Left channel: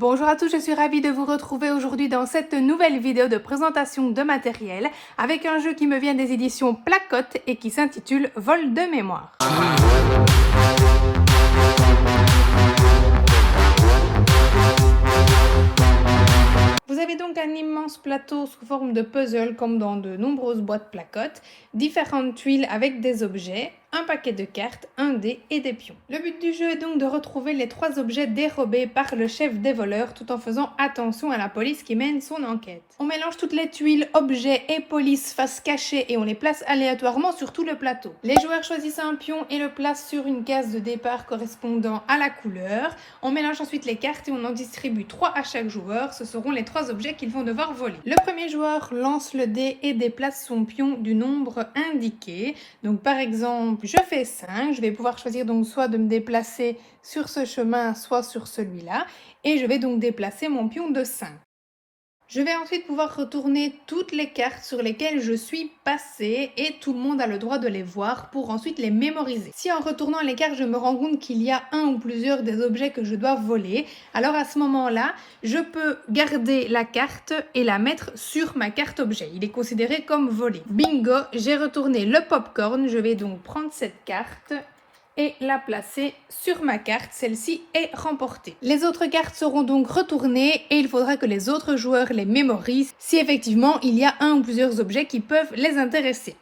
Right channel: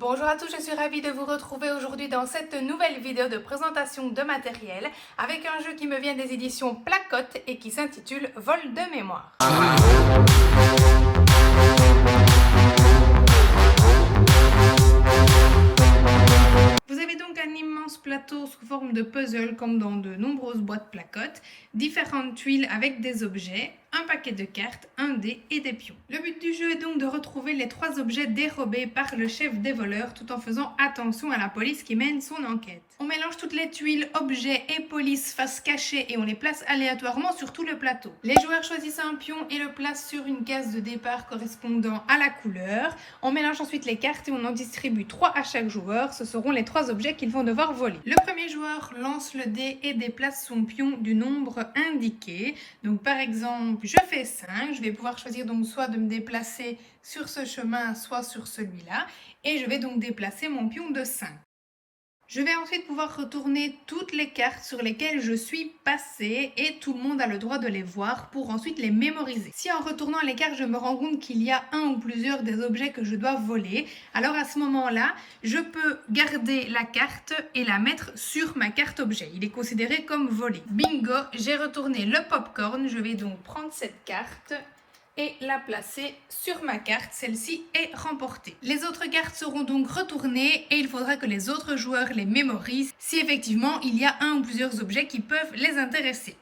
Bonjour à tous, je suis ravie de vous retrouver aujourd'hui dans cette nouvelle vidéo de présentation de matériel avec un jeu qui me vient des éditions Placotte et qui s'intitule Vol de mémoire. Vous avez donc un immense plateau sous forme de puzzle comme dans de nombreuses boîtes Placotte, différentes tuiles avec des objets, un paquet de cartes, un dé et des pions. Le but du jeu est donc de retrouver les 3 objets dérobés par le chef des voleurs tout en faisant attention à la police qui mène son enquête. On mélange toutes les tuiles, objets et police face cachée et on les place aléatoirement sur tout le plateau. Les joueurs choisissent un pion et le placent sur une case de départ correspondant à la couleur. On mélange ensuite les cartes et on en distribue 3 à chaque joueur. Ce seront les 3 objets qu'ils vont devoir voler. Le premier joueur lance le dé et déplace son pion du nombre indiqué. Donc par exemple, je fais 5, je vais pouvoir choisir donc soit de me déplacer sur ce chemin, soit sur celui-là. Et je vais donc déplacer mon pion de 5. Je vais ensuite pouvoir retourner toutes les cartes sur lesquelles je suis passée et tout le monde a le droit de les voir pour ensuite les mémoriser. Si en retournant les cartes, je me rends compte qu'il y a un ou plusieurs des objets que je dois voler, alors à ce moment-là, je peux garder la carte et la mettre sur ma carte objet. Il est considéré comme volé. Bingo, j'ai retourné le popcorn. Je vais donc prendre cette carte et la placer sur ma carte. Celle-ci est remportée. Les autres cartes seront donc retournées et il faudra que les autres joueurs les mémorisent si effectivement il y a un ou plusieurs objets qui peuvent les intéresser.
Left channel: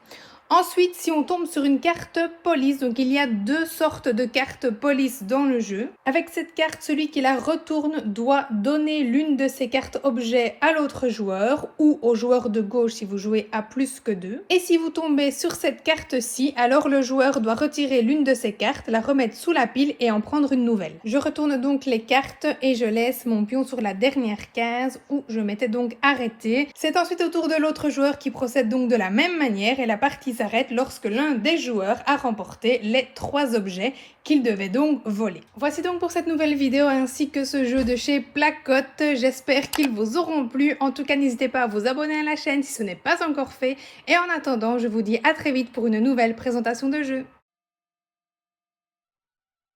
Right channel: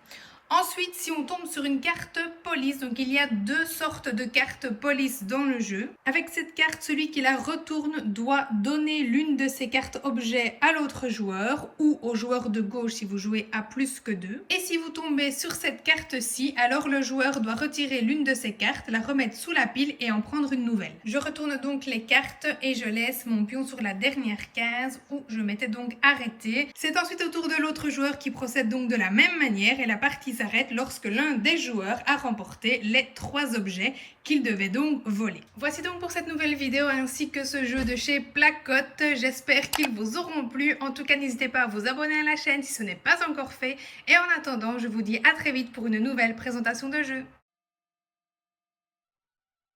Ensuite, si on tombe sur une carte police, donc il y a 2 sortes de cartes police dans le jeu. Avec cette carte, celui qui la retourne doit donner l'une de ces cartes objets à l'autre joueur ou au joueur de gauche si vous jouez à plus que 2. Et si vous tombez sur cette carte-ci, alors le joueur doit retirer l'une de ces cartes, la remettre sous la pile et en prendre une nouvelle. Je retourne donc les cartes et je laisse mon pion sur la dernière case où je m'étais donc arrêtée. C'est ensuite au tour de l'autre joueur qui procède donc de la même manière et la partie s'arrête lorsque l'un des joueurs a remporté les 3 objets qu'il devait donc voler. Voici donc pour cette nouvelle vidéo ainsi que ce jeu de chez Placotte. J'espère qu'ils vous auront plu. En tout cas, n'hésitez pas à vous abonner à la chaîne si ce n'est pas encore fait. Et en attendant, je vous dis à très vite pour une nouvelle présentation de jeu.